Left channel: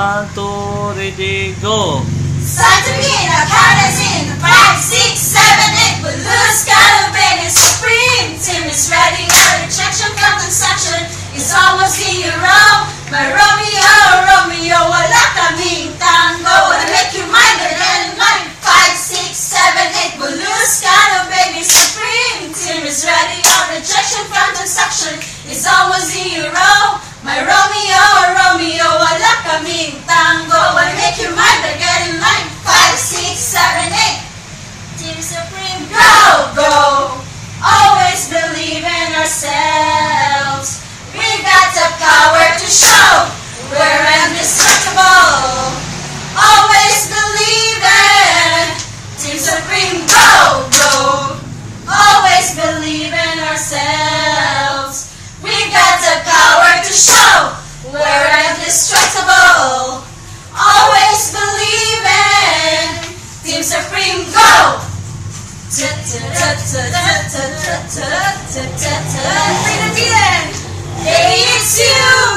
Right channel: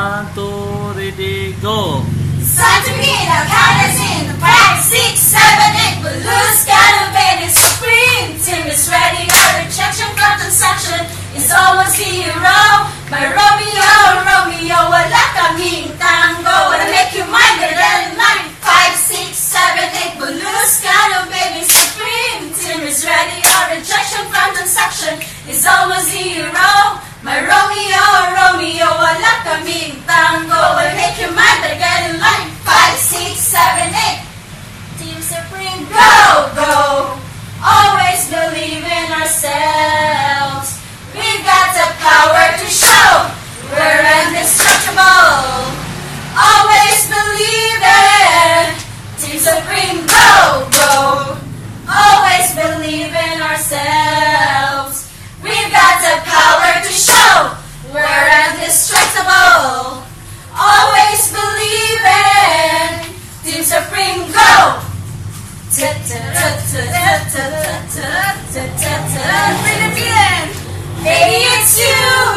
1, 2, ready, go! It's time to begin, our count is in 5, 6, 7, 8. Balloons gotta be supreme. Team is ready, our rejection from transaction is almost zero. My Romeo, Romeo, wala kaming tango. Wanna make you mine, get it in line. 5, 6, 7, 8. Balloons gotta be supreme. Team is ready, our rejection from transaction is almost zero. My Romeo, Romeo, wala kaming tango. Wanna make you mine, but get in line. 5, 6, 7, 8. Team Supreme, go, go. Always believe in ourselves. We've got the power to show we're indestructible. Always believe it. Team Supreme, go, go. Always believe in ourselves. We've got the power to show we're indestructible. Always believe in Team Supreme, go! Bring the feeling! Baby, it's you!